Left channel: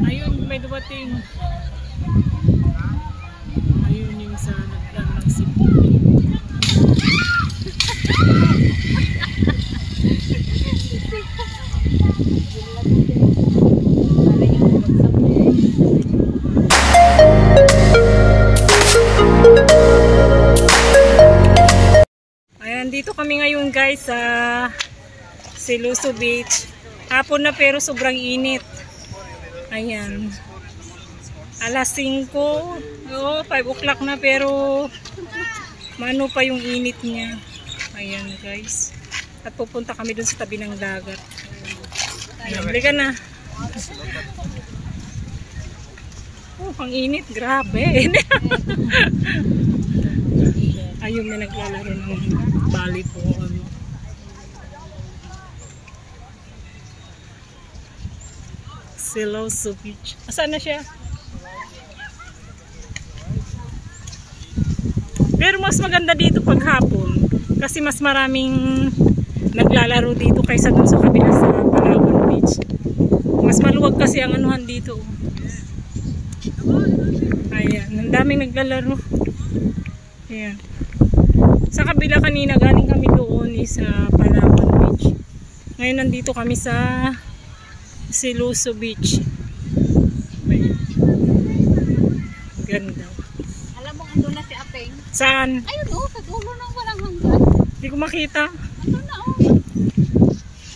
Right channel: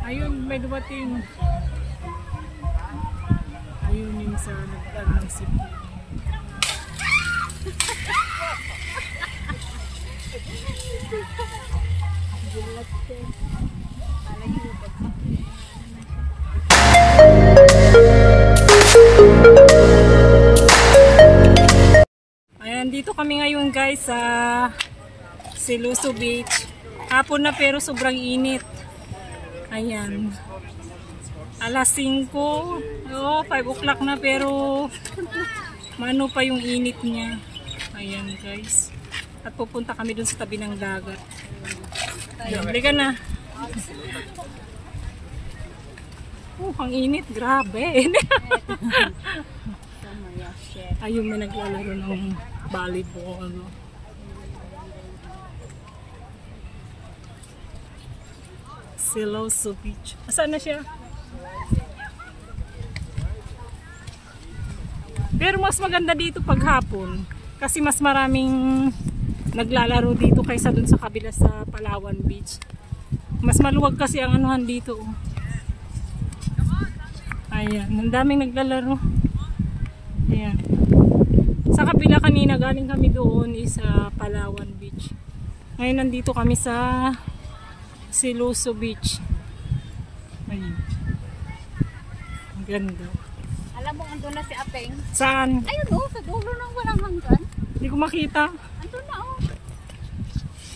Ayun, may dumating. Ayun yung sa nagdaan ng sipo. Ayan, dito kami ngayon guys sa Siloso Beach. Hapon na pero sobrang init. Ayan. Alas 5. Oh, 5 o'clock na pero mano pa yung init niya. Ayan guys. At pupunta kami dun sa tabi ng dagat. Ayan, halika na. Oh, ang init. Grabe. Ayun, may naglalaro ng volleyball. Siloso Beach. Asan na siya? Pero mas maganda dito pag hapon. Kasi mas maraming naglalaro dito kaysa dun sa kabila sa Palawan Beach. Mas maluwag kasi ang anuhan dito. Ayan, ang daming naglalaro. Ayan. Sa kabila kanina galing kami doon sa Palawan Beach. Ngayon nandito kami sa Siloso Beach. Ayan. Ganda. Alam mo, andun na si Apeng. Saan? Ayun o, sa dulo ng walang hanggan. Hindi ko makita. Andun na o.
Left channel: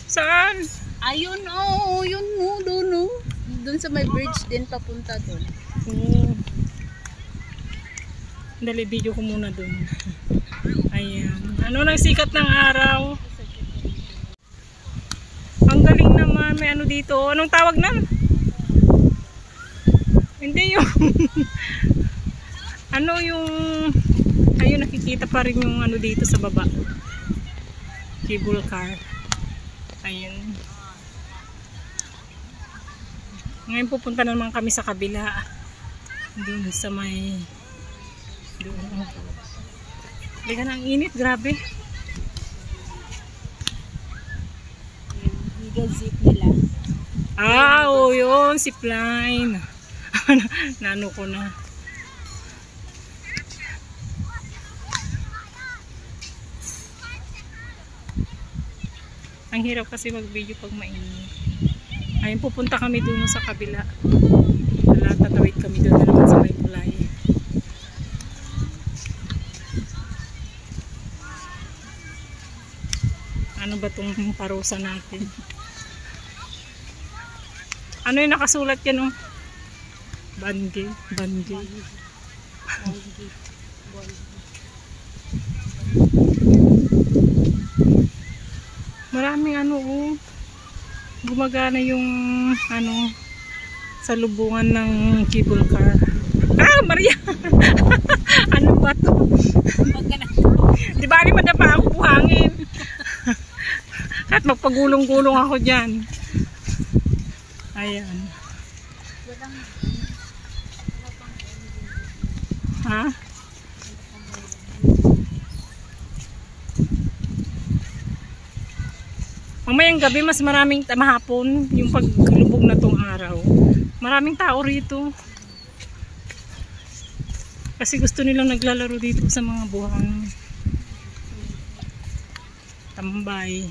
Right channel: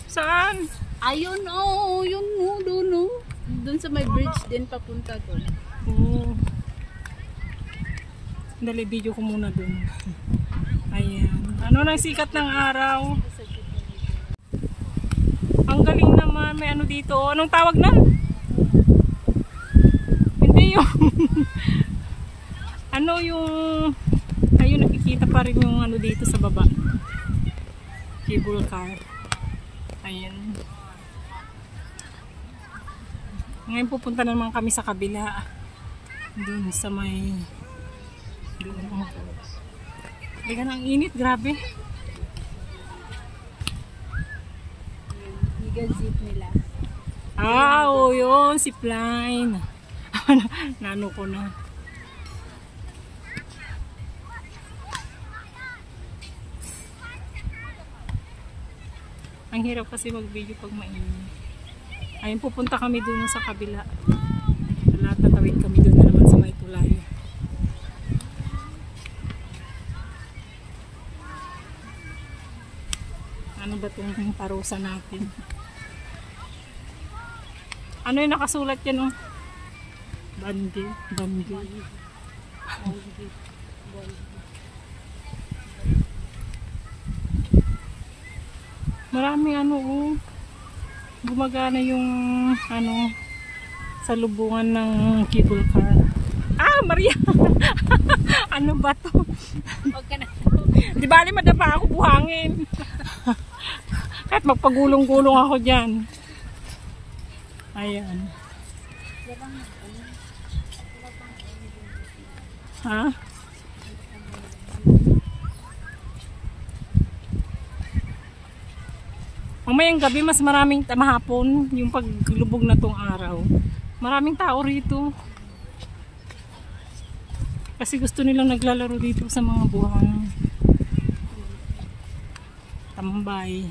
Saan? Ayun o, yun o, doon o. Doon sa may bridge din papunta doon. Oo. Dali, video ko muna doon. Ayan. Ano nang sikat ng araw? Ang galing naman. May ano dito. Anong tawag nan? Hindi yung ano yung ayun, nakikita pa rin yung ano dito sa baba. Cable car. Ayan. Ngayon pupunta naman kami sa kabila. Doon sa may doon. Liga na ang init. Grabe. Zip nila. Ah, oh, yun, zipline. Nano ko na. Ang hirap kasi mag-video pag mainit. Ayun, pupunta kami dun sa kabila. Tatawid kami dun na naman sa may tulay. Ano ba itong parusa natin? Ano yung nakasulat yan, oh? Bangi. Bangi. Maraming ano, oh. Gumagana yung ano sa lubungan ng cable car. Ah, Maria! Ano ba to? Di ba madapa ako buhangin? Kahit magpagulong-gulong ako dyan. Ayan. Ha? Mamayang gabi mas maraming mahapon yung paglubog na tong araw. Maraming tao rito. Kasi gusto nilang naglalaro dito sa mga buhang tambay.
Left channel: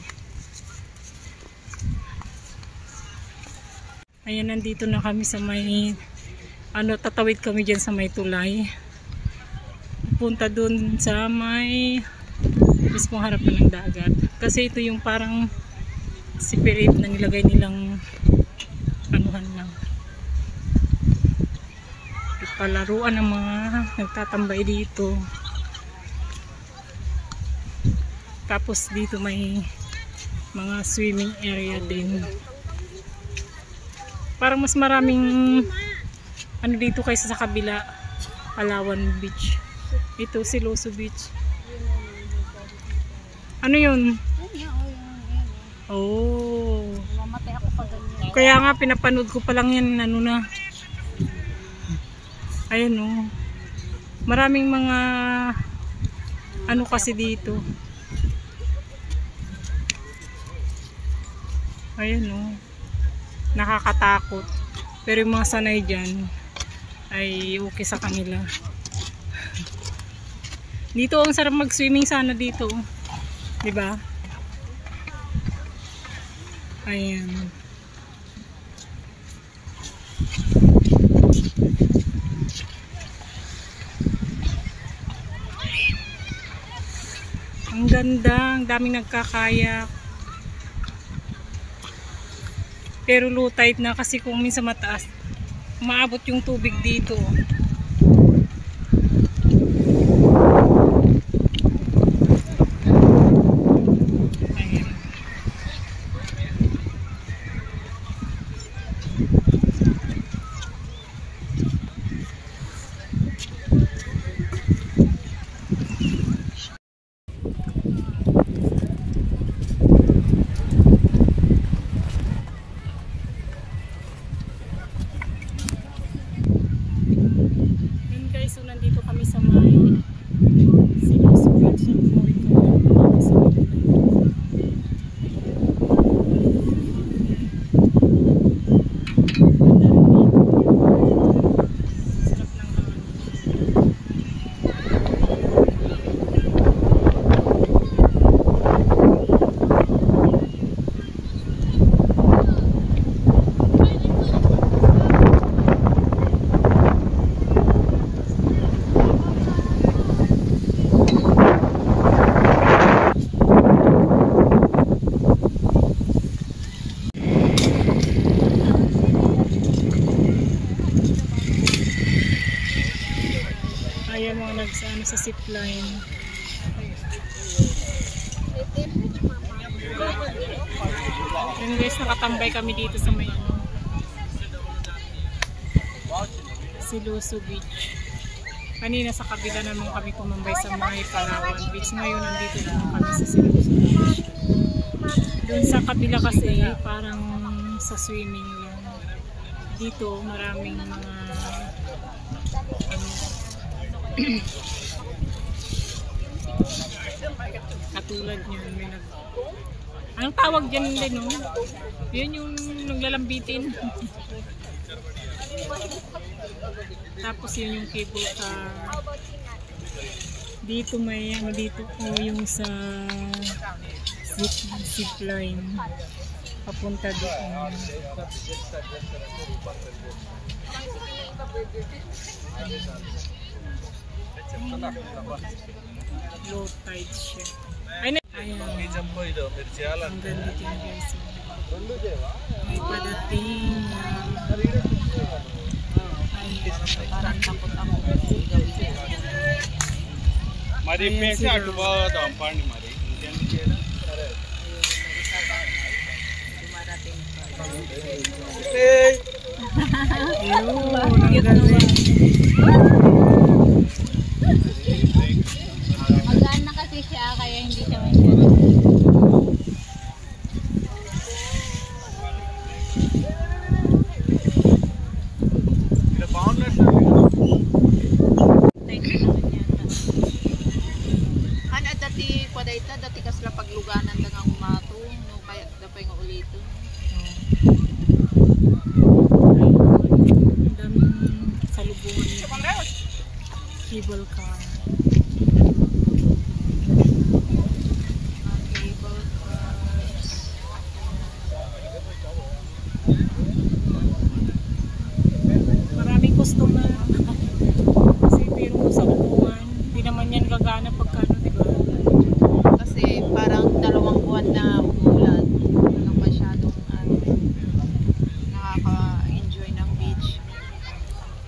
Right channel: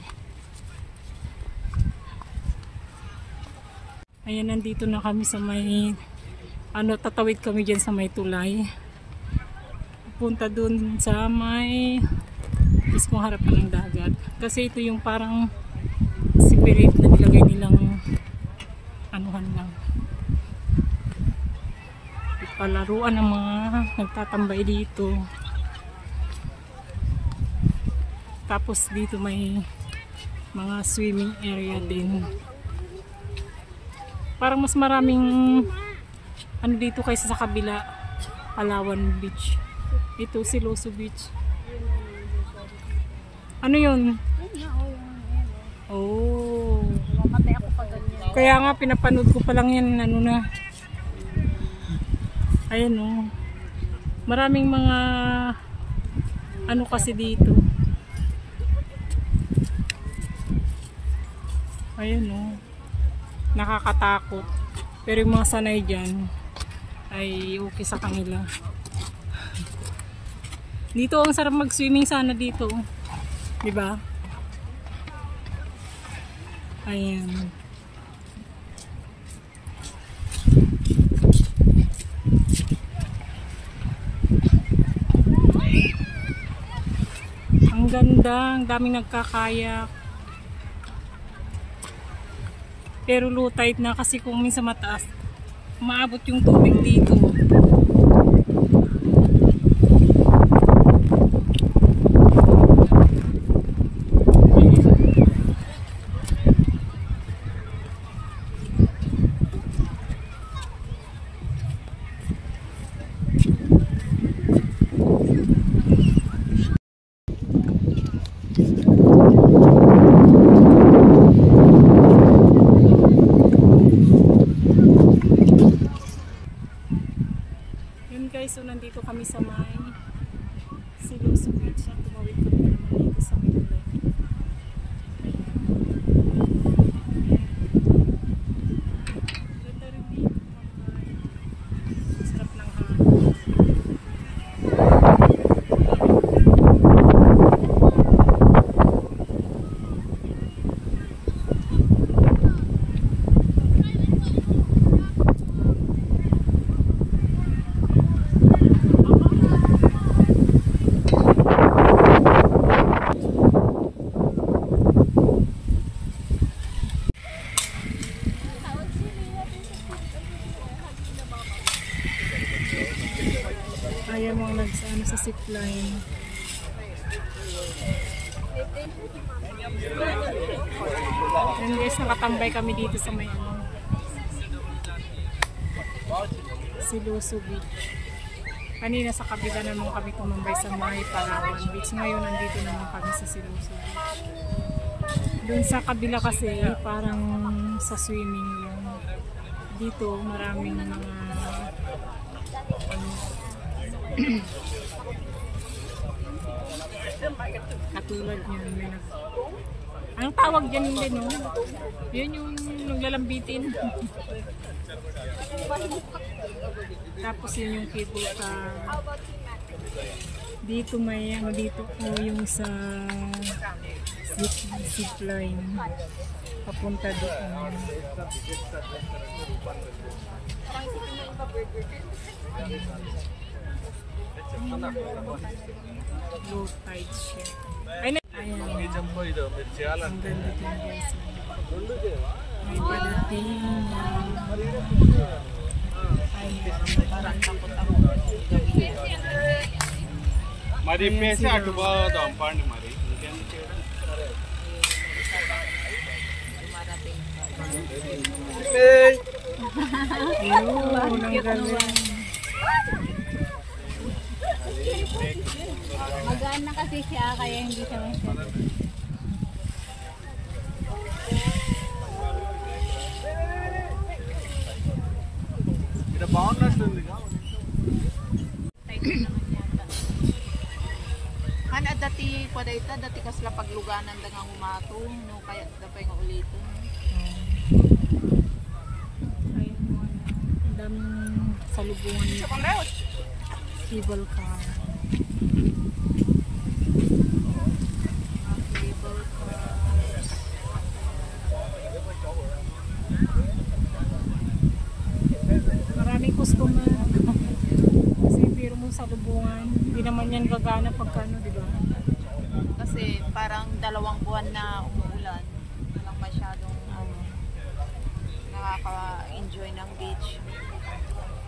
Ayan, nandito na kami sa may ano, tatawid kami dyan sa may tulay. Pupunta dun sa may mismong harap ng dagat. Kasi ito yung parang separate na nilagay nilang anuhan lang. Palaruan ng mga nagtatambay dito. Tapos dito may mga swimming area din. Parang mas maraming ano dito kaysa sa kabila, Palawan Beach. Ito Siloso Beach. Ano yun? Oh. Kaya nga pinapanood ko pa lang yan, ano na. Ayan oh. Maraming mga ano kasi dito. Ayan oh. Nakakatakot. Pero yung mga sanay dyan ay okay sa kanila. Dito ang sarap mag-swimming sana dito. Diba? Ayan. Ang ganda, ang daming nagkakayak. Pero low tide na kasi kung minsan mataas, maabot yung tubig dito. So nandito kami sa may Siloso Beach. Tumawid kami dito sa may tulay. Ganda rin dito. Sarap ng hangin. Ayan mga nagsano sa zipline. Ayan guys, nakatambay kami dito sa may Siloso Beach. Kanina sa kabila naman kami tumambay sa may Palawan Beach. Ngayon nandito naman kami sa Siloso Beach. Doon sa kabila kasi parang sa swimming lang. Dito maraming mga katulad nyan, may anong tawag dyan din, no? Yun yung naglalambitin. Tapos yun yung cable car. Dito may dito yung sa zipline papunta doon. Low tide siya. Ayan. Ang ganda din guys. May padating. Parang takot-takot gawin. Mari pesa atu bawa dampar ni mari. Ang ganda. Magaan na kasi siya kaya hindi siya dati padaita dati kasla pagluganan dangang umatong no kaya dapay nga ulito. Daming salubungan ni cable car. Maraming customer. Kasi pero sa upuan, hindi naman yan gagana pagkano, diba? Kasi parang 2 buwan na umulan. Walang masyadong nakaka-enjoy ng beach.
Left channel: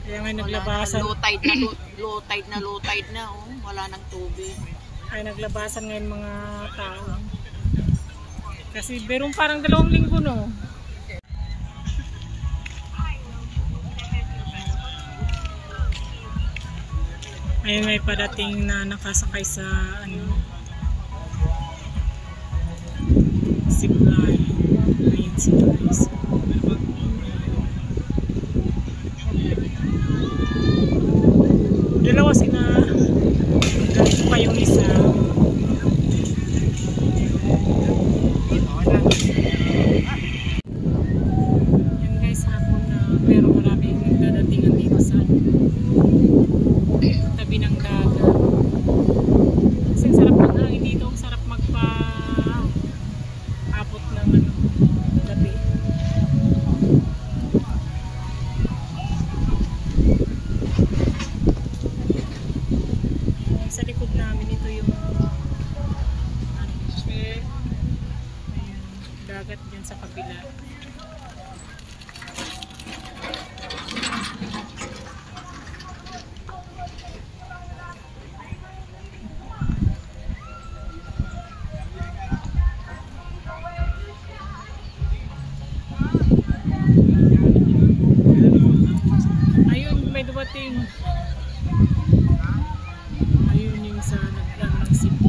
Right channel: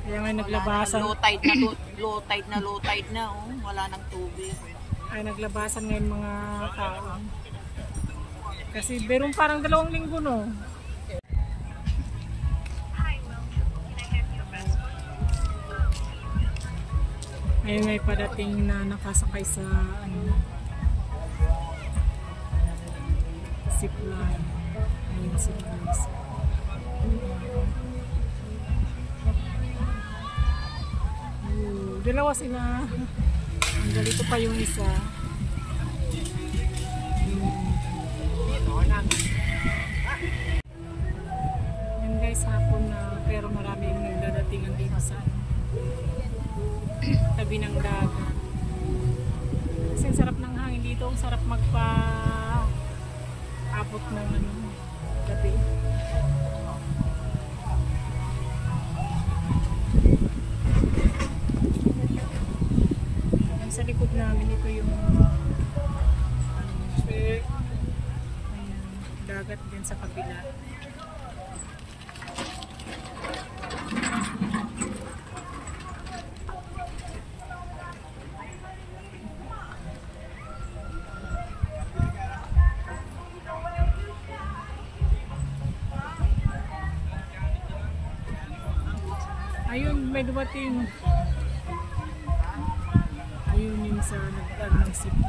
Kaya nga naglabasan. Low tide na oh. Wala nang tubig. Ay naglabasan ngayon mga tao. Kasi berong parang 2 linggo, no? Ayun, may parating na nakasakay sa zipline. Ayun si guys. Dalawa sila. Ganito pa yung isa. Yan guys, hapon na. Pero Tabi ng dagat. Kasi ang sarap ng hangin dito. Ang sarap magpa-abot ng gabi. Sa likod namin ito yung ayan, dagat dyan sa kabila. Ayun, may dumating. Ayun yung sa nagdaan ng sipo.